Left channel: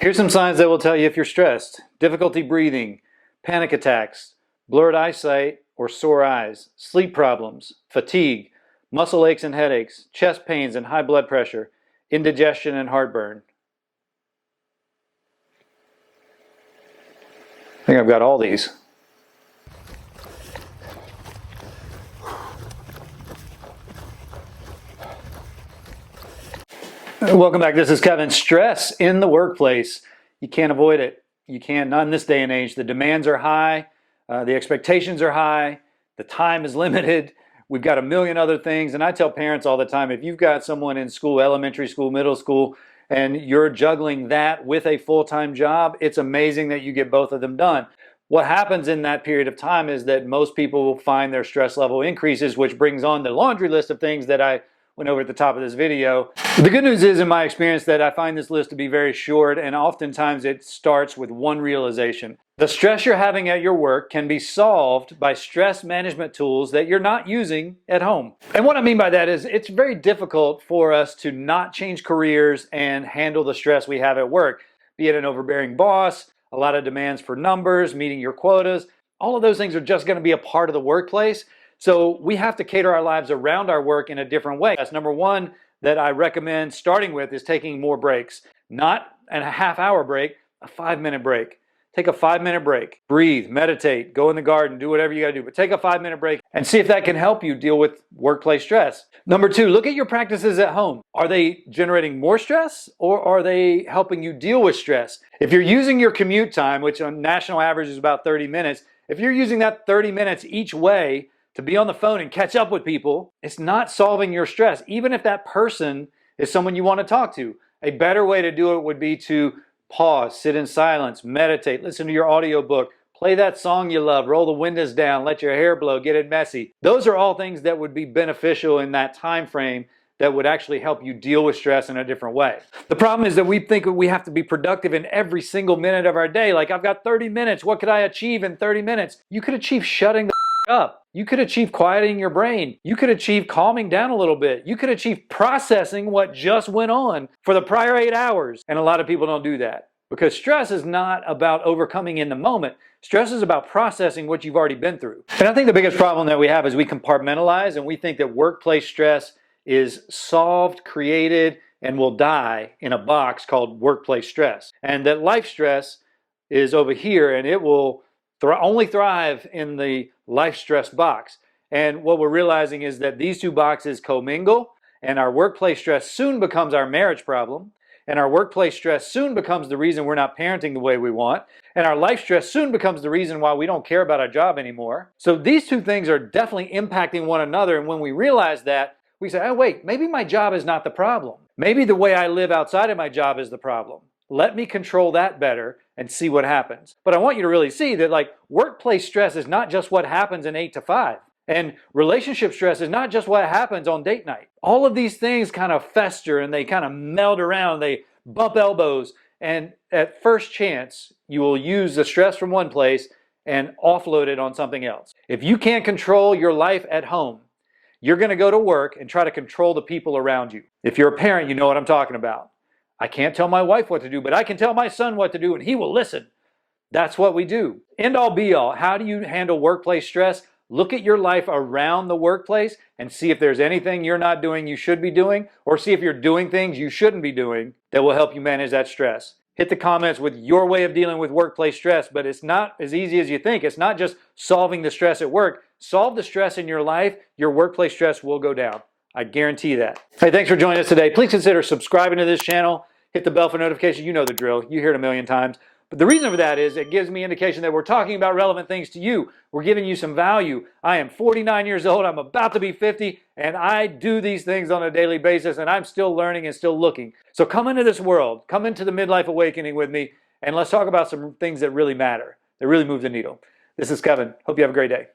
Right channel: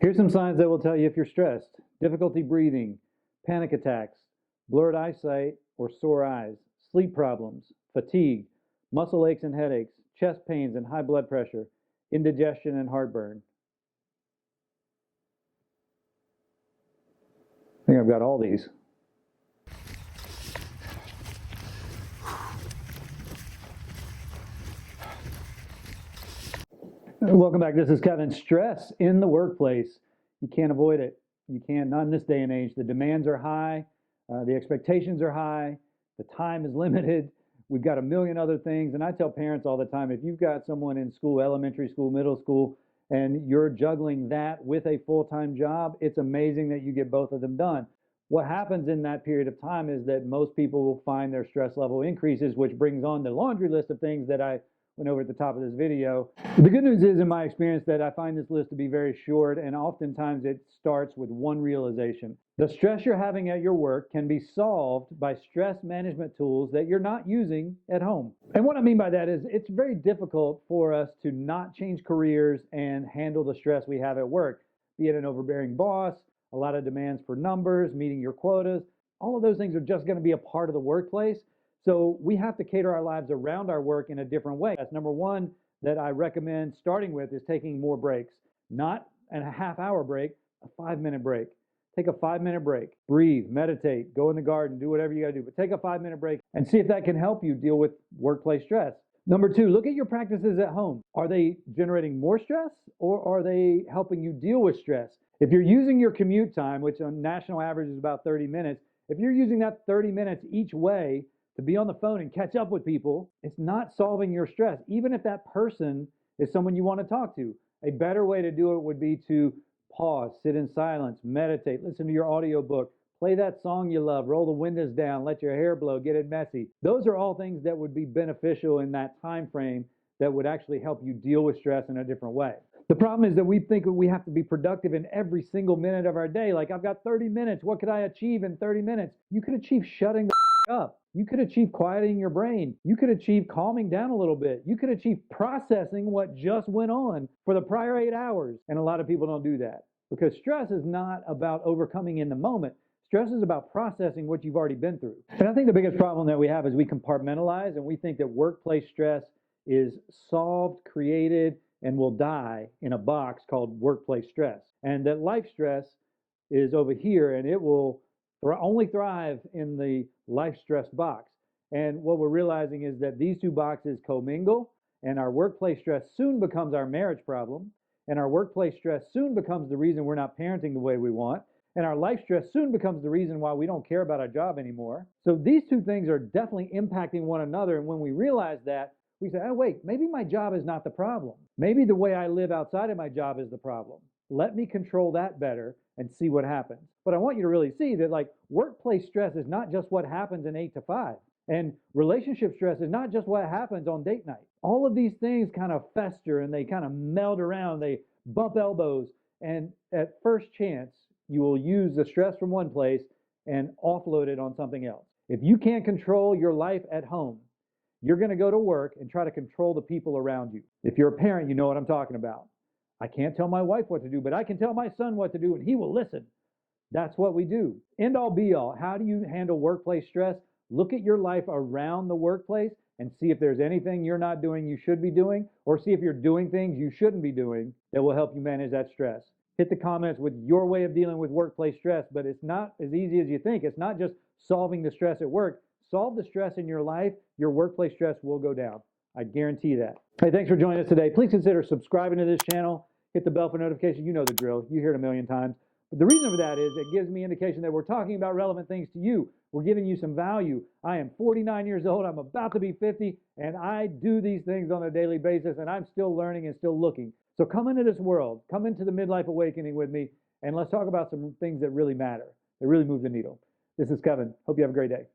Here's some signs that will tell you if you're stressed. Difficulty breathing, panic attacks, blurred eyesight or sore eyes, sleep problems, fatigue, muscle aches and headaches, chest pains and high blood pressure, indigestion and heartburn. I think I've got all these. Welcome back. This is Kevin. Stress in the workplace. You can't avoid it. You can't, not in this day and age. The demands are high. The expectations are high. The time is limited. We've got a million other things. And I tell parents all the time, if you've got someone in school, elementary school, middle school, and you're juggling that with a full-time job, it's amazing that you get both of them done. What happens in that period of time is that most people will find their stress level increases, which brings on the laundry list of things that I went over at the top of this video. The good news is, in my experience, that I find this list to be very short, and oftentimes it starts with one realization. The stress you're having at your work can be solved by stress management tools that you're not using at home. And what I mean by that is it's very difficult for us to not change careers and handle the stress we have at work, be it an overbearing boss, a lot of demands for numbers, meeting your quotas. All of those things are just going to be a part of the workplace. So we have to cater our lives around our work in a different way. That's number one that I recommend starting with, is taking more breaks. Not a half-hour break, a 5-minute break. Take a 5-minute break. Breathe, meditate, go in the garden, do whatever you gotta do, but take a 5-minute break and see if that can help you deal with workplace stress. Number two, look at your practices at home. Are they generating more stress, or are they helping you deal with stress? If you're using your commute time, which on national average is about 30 minutes, if you're using that 30 minutes each way to be on the phone and catch up with people, it's not solving your stress, even if that person is someone you want to talk to. A better way to do it would be to pause, sit in silence, meditate, listen to your audiobook, play that song you love, roll the windows down, let your hair blow, get it messy. Those are all things that would be beneficial in that time frame that would actually help you deal with stress in a different way. The problem is that we think we have to be productive in every single minute of our day. Like, I've got 30 minutes. What could I achieve in 30 minutes? You could achieve shutting the up. You could achieve quieting your brain. You could achieve calming down a little bit. You could achieve processing what just went on for the prior 8 hours. And a lot of people don't do that, because stress is not about overcoming in the moment. Stress is about processing what you've already been through. And I think the biggest problem that we have is we compartmentalize, and we think that workplace stress is solved, created, and will die in a box called workplace stress. And that life stress is over here, and it will only thrive in the life stress box. And what we're realizing is that these two boxes commingle, and our workplace stress soon becomes our marriage problem, and our workplace stress soon becomes the reason we're not parenting the way we want, and our life stress soon becomes the reason why we don't care about our job anymore. So these two things are definitely impacting one another, and when we realize that, we say, oh wait, maybe my job is not the problem. Maybe the way I live outside of my job is the problem. Let me control that better and see what happens. But I want you to really see that, like, workplace stress is not just what happens in 8 to 5. And relationship stress is not just what happens on date night. All of these things kind of fester and they kind of meld around, they bump elbows. And at first chance, you will use the stress from one place and offload it on something else. If you can't control your life at home, you're gonna go to work and try to control the people around you. If you're a parent, you know what I'm talking about. I can't tell my wife what to do, but I can tell my son what to do and he will listen. That's what we do. End all be all. How do you handle workplace stress? Look at your life around the workplace and see if there's anything you're not doing you should be doing, or see if you're doing things you shouldn't be doing that will help you manage that stress. Hit the comments with your way of dealing with workplace stress, but it's not as easy as you think. It's not just solving the stress at work. Solve the stress in your life, your workplace stress will go down. I guarantee that. Hey, thanks for joining us today. Please consider subscribing to this channel. Hit the bell for notifications. You know the drill. You hear it a million times. But the reason for that is it gives me indication that we're talking about relevant things to you. We're giving you some value. I am 49 years old. I'm about to be 50, and I do these things on a daily basis, and I'm still learning and still looking. So come into this world. Come into the midlife awakening with me, and let's talk about some things that really matter, that really move the needle. This is Kevin. Hope you have a great day.